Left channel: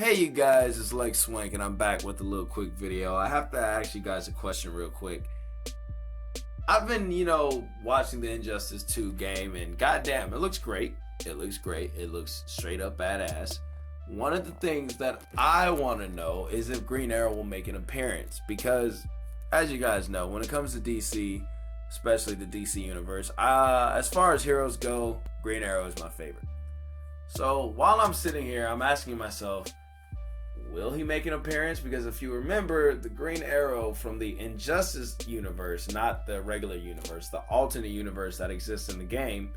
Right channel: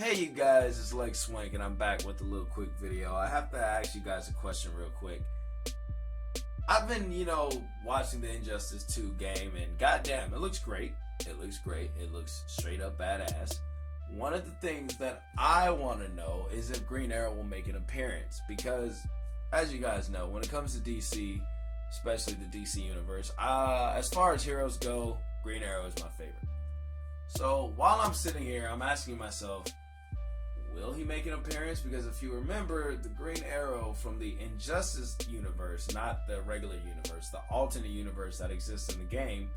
Hey you guys, it's Lex Swank and I'm back with a little quick video. I have to ask you guys a question real quick. I've been, watching the Injustice 2 game and goddamn, it looks great. It looks great. It looks straight up badass. One of the things that I want to know is if Green Arrow will make an appearance because, as you guys know, when it comes to DC, especially the DC universe, as far as heroes go, Green Arrow is my favorite. So while I'm sitting here, I'm asking myself, will he make an appearance? Because if you remember, the Green Arrow from the Injustice universe, not the regular universe, the alternate universe that exists in the game,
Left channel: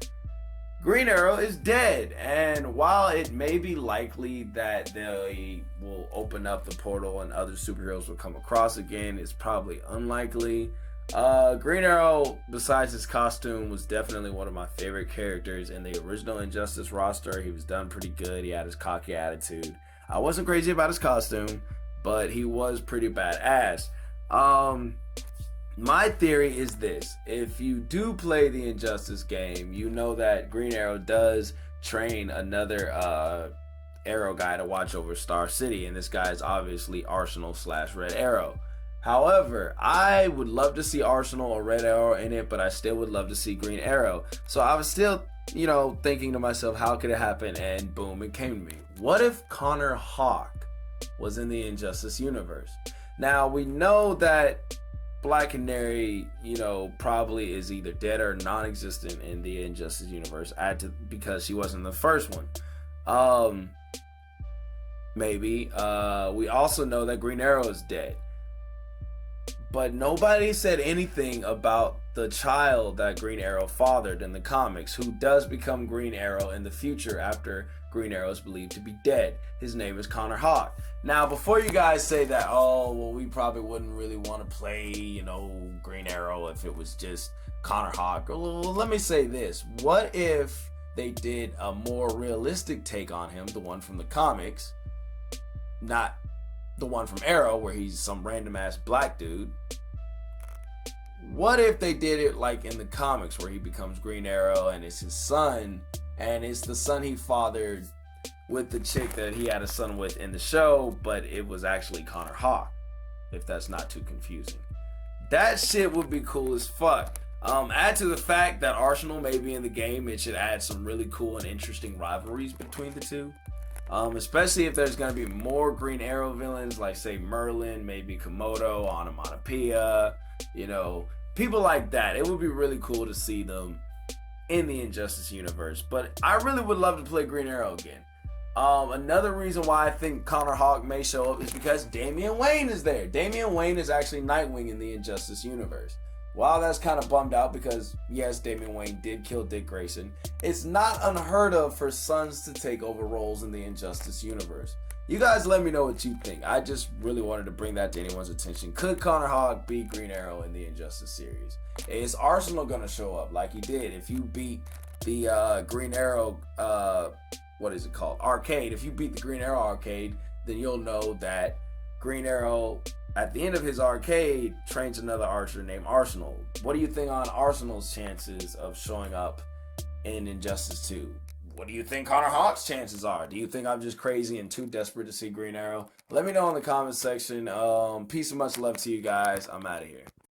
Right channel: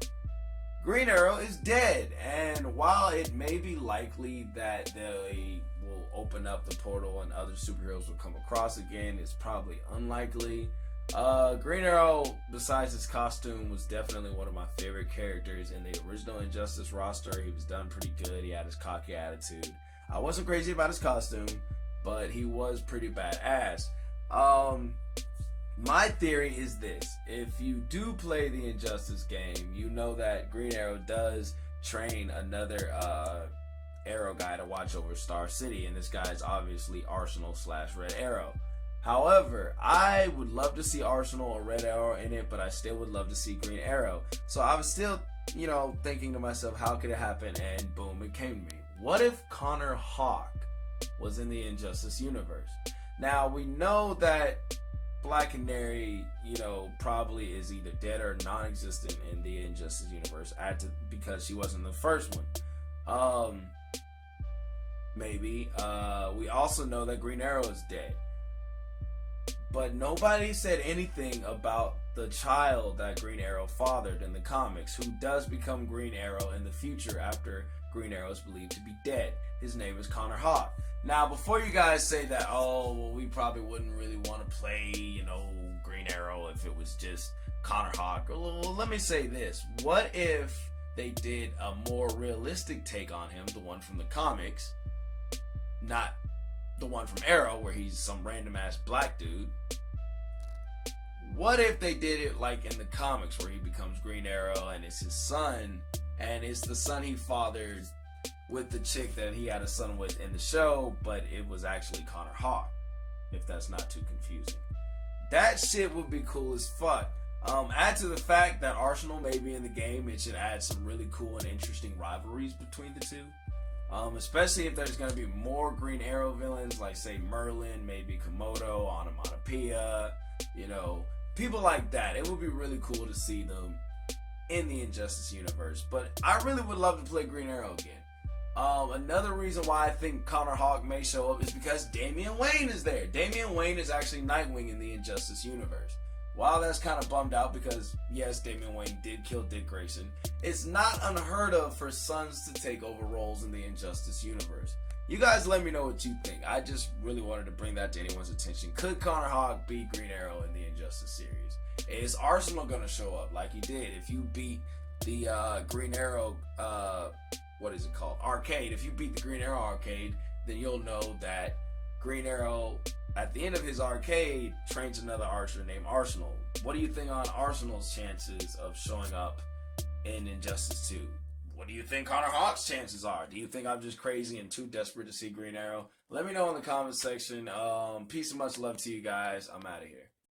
Green Arrow is dead. And while it may be likely that they will open up the portal and other superheroes will come across again, it's probably unlikely. Green Arrow, besides his costume, was definitely one of my favorite characters in the original Injustice roster. He was done pretty good. He had his cocky attitude. I wasn't crazy about his costume, but he was pretty badass. My theory is this. If you do play the Injustice game, you know that Green Arrow does train another Arrow guy to watch over Star City, and this guy is obviously Arsenal / Red Arrow. However, I would love to see Arsenal or Red Arrow in it, but I still would love to see Green Arrow. So I was still, thinking to myself, how could it happen? And boom, it came to me. What if Connor Hawke was in the Injustice universe? Now, we know that Black Canary, probably is either dead or non-existent in the Injustice universe because she wasn't the first one. Maybe. We also know that Green Arrow is dead. But nobody said anything about the child that Green Arrow fathered in the comics, who does become Green Arrow in the future after Green Arrow is believed to be dead. His name is Connor Hawke. Now, before you guys say that, we probably wouldn't really want to play, Green Arrow if it was just Connor Hawke. Well, let me say this. What if they did a more realistic take on him, the one from the comics, not the one from Arrow where he's some random ass black dude? What if they did it like in the comics where he becomes Green Arrow and it's his son, and it's the son he fathered with the chick that he had a son with in the show, but it was actually Connor Hawke, if that's not too confusing. That shit would be cool as fuck. Add to the fact that Arsenal may be in the game, it should add some really cool and interesting rivalries between the two. Especially if there's going to be more Green Arrow villains, like say Merlin, maybe Komodo, Onomatopoeia, people like that. It would be really cool to see them in the Injustice universe, but I really would love to play Green Arrow again. Another reason why I think Connor Hawke may show up is because Damian Wayne is there. Damian Wayne is actually Nightwing in the Injustice universe. While that's kind of bummed out because, yes, Damian Wayne did kill Dick Grayson, it's not unheard of for sons to take over roles in the Injustice universe. You guys let me know what you think. I just really wanted to bring that to anyone's attention. Could Connor Hawke be Green Arrow in the Injustice series? Is Arsenal going to show up like he did? If you beat the Green Arrow, what is it called? Arcade. If you beat the Green Arrow arcade, then you'll know that Green Arrow, at the end of his arcade, trains another archer named Arsenal. What do you think on Arsenal's chances of showing up in Injustice 2? What do you think Connor Hawke's chances are? Do you think I'm just crazy and too desperate to see Green Arrow? Let me know in the comment section. Peace and much love to you guys. I'm out of here.